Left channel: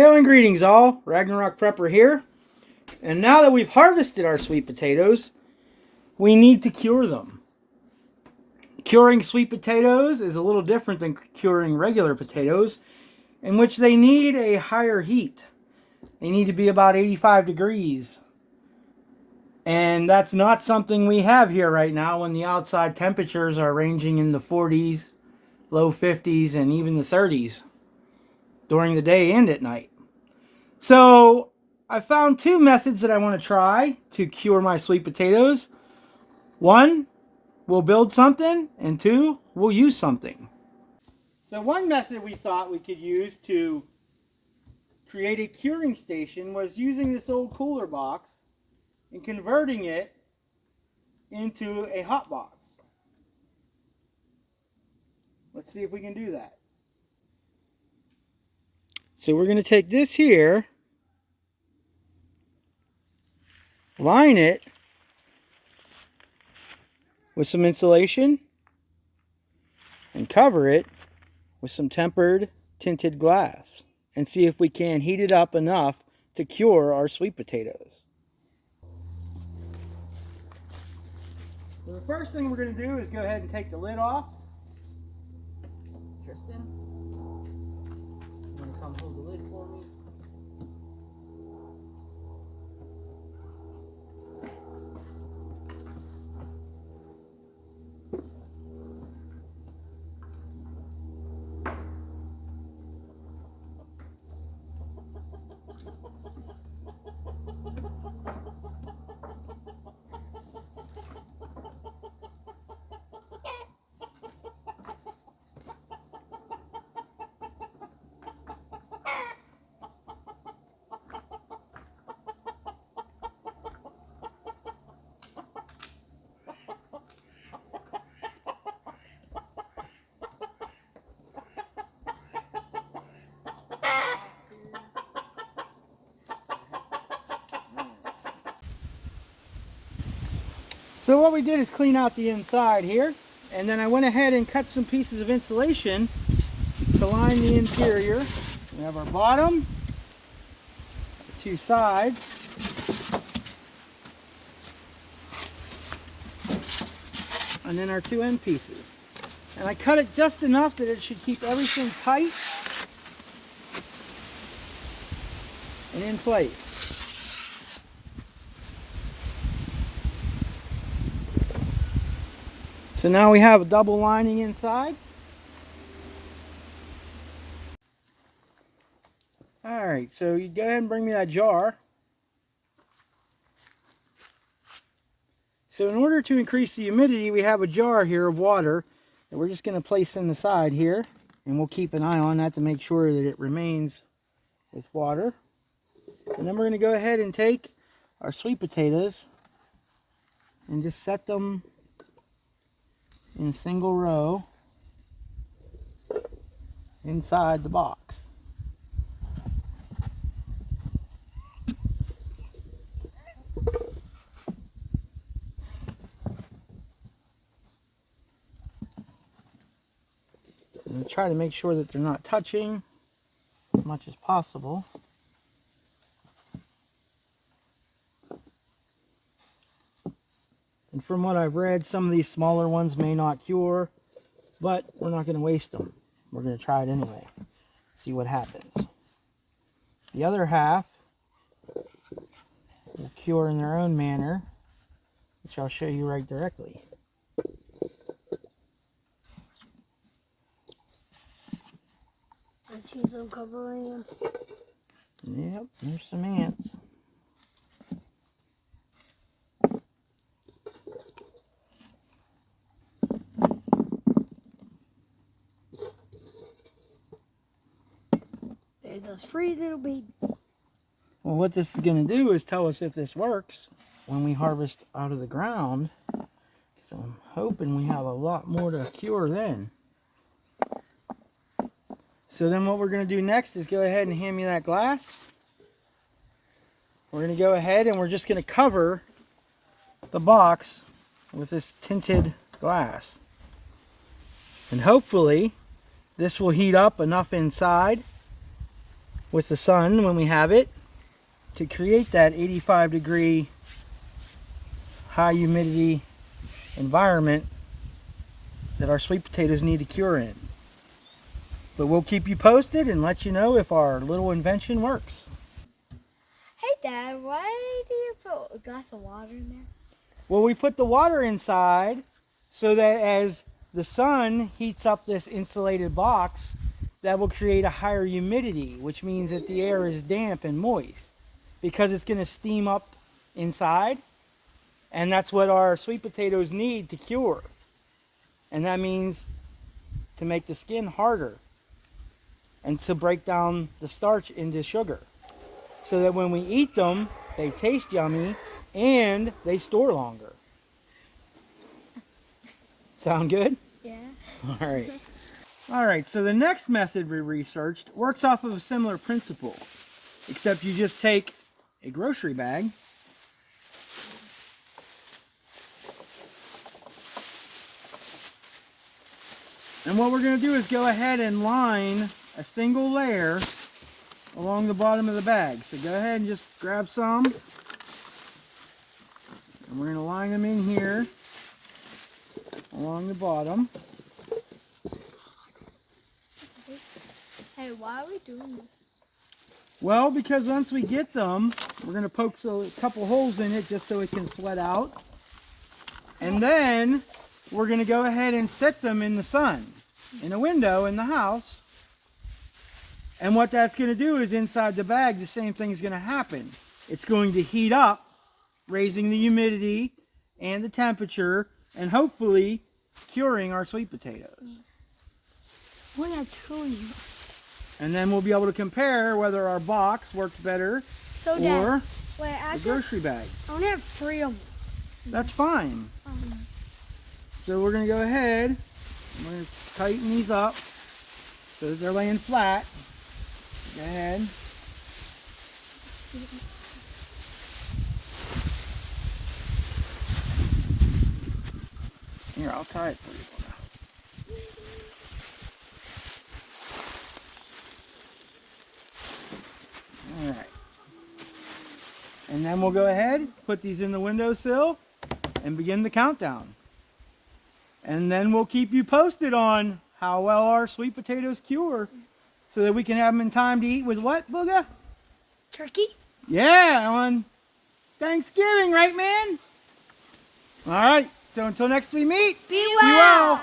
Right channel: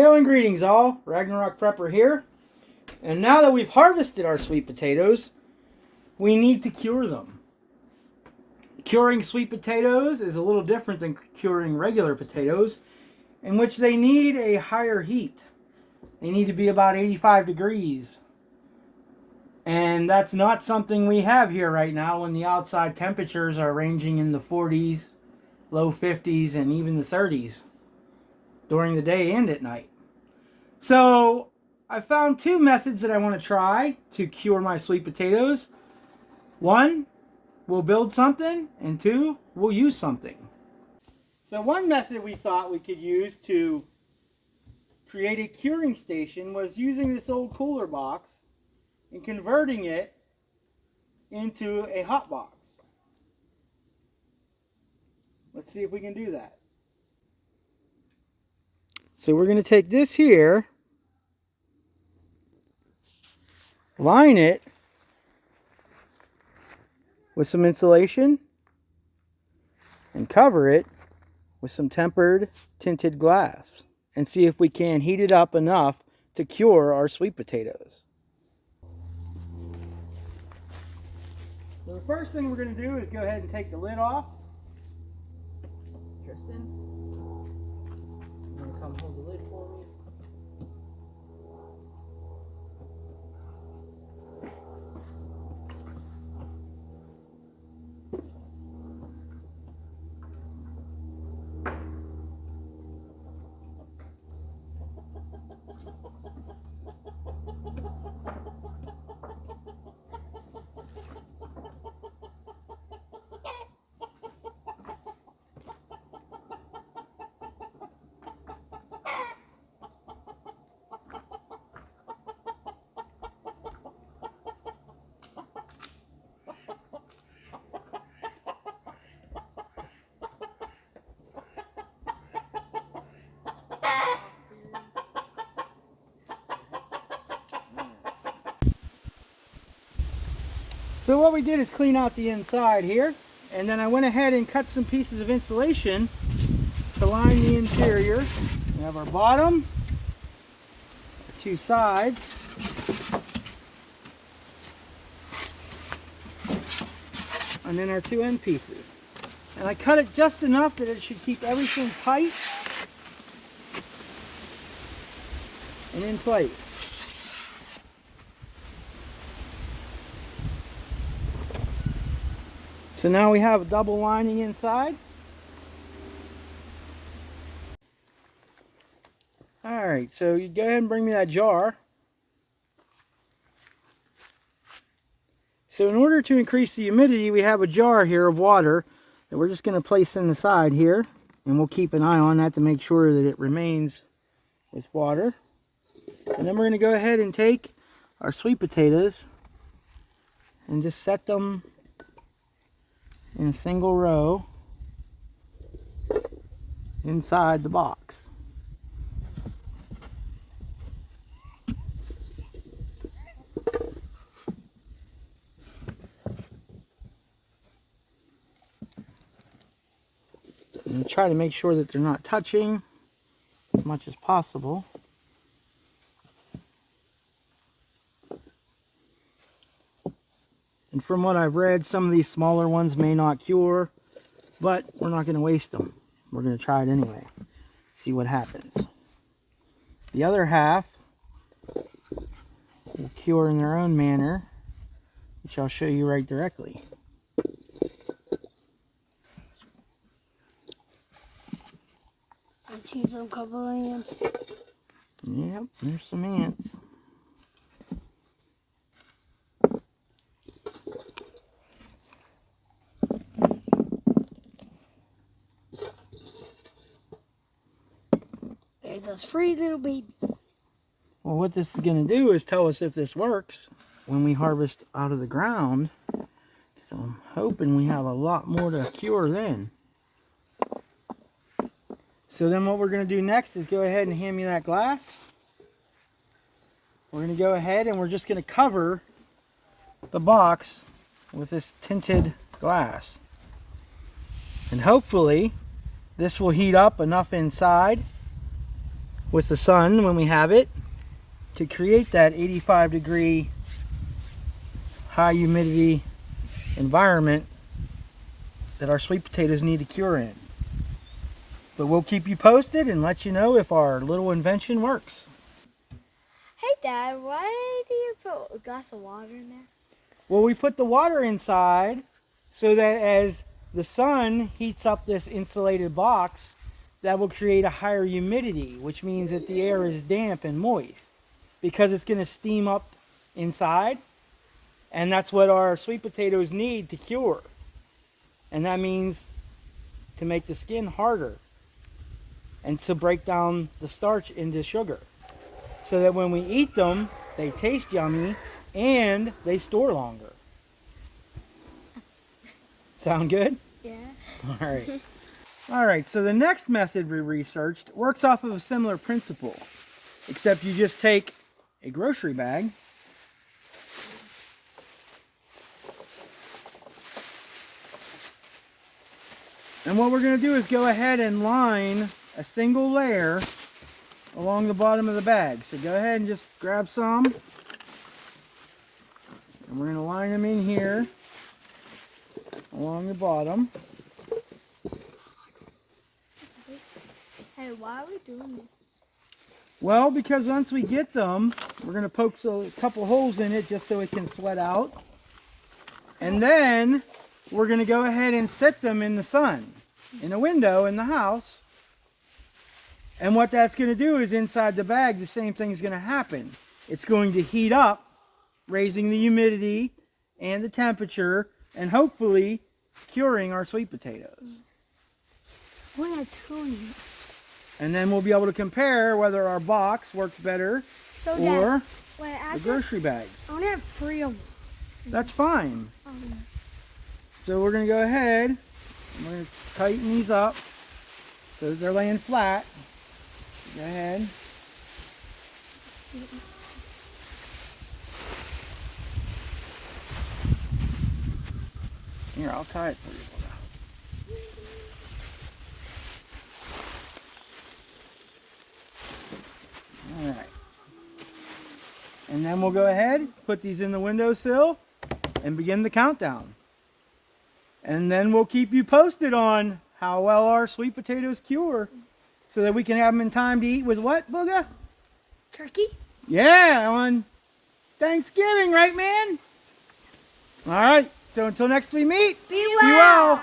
Hail and greetings all, Ragnarok Prepper here. And now that we've harvested our sweet potatoes, we need to cure them. Curing sweet potatoes is a little different than curing regular potatoes, in which they need a higher heat. They need to be about 85 degrees. And that's not something we have here right now when the outside temperatures are ranging in the 40s, low 50s, and even the 30s during the day and at night. So I found two methods that I want to try to cure my sweet potatoes. One, we'll build something, and two, we'll use something. So one method we thought we could use to create a curing station was using this old cooler box and converting it into a hot box. Let's see if we can do that. So we're going to take this here, line it with some insulation, and cover it with some tempered tinted glass, and see if we can heat it up enough to cure our sweet potatoes. So the first thing we're going to do is go ahead and take the lid off. Tristan, you want to come hold the lid for me? So what we did is clean out the inside here, and then I went ahead and cut some pieces of insulation to line the interior. We have our bottom, our two sides, and then our two end pieces. And I cut it just enough that it should keep everything tight and in place. So now we have a double lining inside. Alright, so you go ahead and bring me that jar. So in order to increase the humidity, we have a jar here of water that we're just going to place in the side here. And we'll keep an eye on that to make sure that it remains with water. And then we're going to go ahead and take our sweet potatoes and just set them in a single row inside the box. And try to make sure that they're not touching as much as possible. And from what I've read, some of these smaller ones may not cure, but we're not going to waste them. We're going to try it anyway. See what happens. The other half will cure in their own manner, which I'll show you right directly. I see some couple of ants. Yep, there's some ants. There's those 3 little babies. Well, what this is going to do is tell us if this works when we harvest out of the ground. So I'm hoping we have a lot more to cure then. So then what we're going to do next is go ahead and hand me that glass. We're going to go ahead and we're just going to cover the box with this tinted glass. And hopefully this will heat up enough inside with the sun when we have it to create that 85-degree high humidity environment that our sweet potatoes need to cure in. But we'll keep you posted and let you know if our little invention works. Hey, Dad, why do you put a glass of water in there? Well, we put the water inside so that as the sun heats up this insulated box, that will create a higher humidity, which means that the air is damp and moist because it's going to steam up inside, and that's what our sweet potatoes need to cure. And that means to make the skin harder and to break down the starch into sugar so that when we eat them, they taste yummy and they store longer. Sound good? Yeah. All right, so the next method we researched works off of a similar principle, except you just take a grocery bag and what we're going to do is go ahead and line a single layer along the bottom of the bag. So go ahead and just grab some, and we're going to line them in here along the bottom. Hey, why are we doing this? Well, because once we get them, we're going to poke a couple holes in it just so it can sweat out. And then we're going to go ahead and set them in the sun, in a window in the house. And what that's going to do is inside the bag, the same thing's going to happen. It's going to heat up, raising the humidity and the temperature, and hopefully curing our sweet potatoes. We have two in here. And then we'll be able to compare whether our box worked better So, or Dad, wait, the actually, grocery bags. I only have 3 of them. That's fine. So we're going to go ahead, I'm going to tighten these up so that they're laying flat. Go ahead. Here, I'll tie it for you. All right. And then we'll go ahead, put these in the windowsill, and begin the countdown. And then we'll keep you posted on how well our sweet potatoes cure so that we can have them in time to eat with what, Booga? Turkey? Yeah, on Thanksgiving, right, man? All right, so until next we meet, Be be well.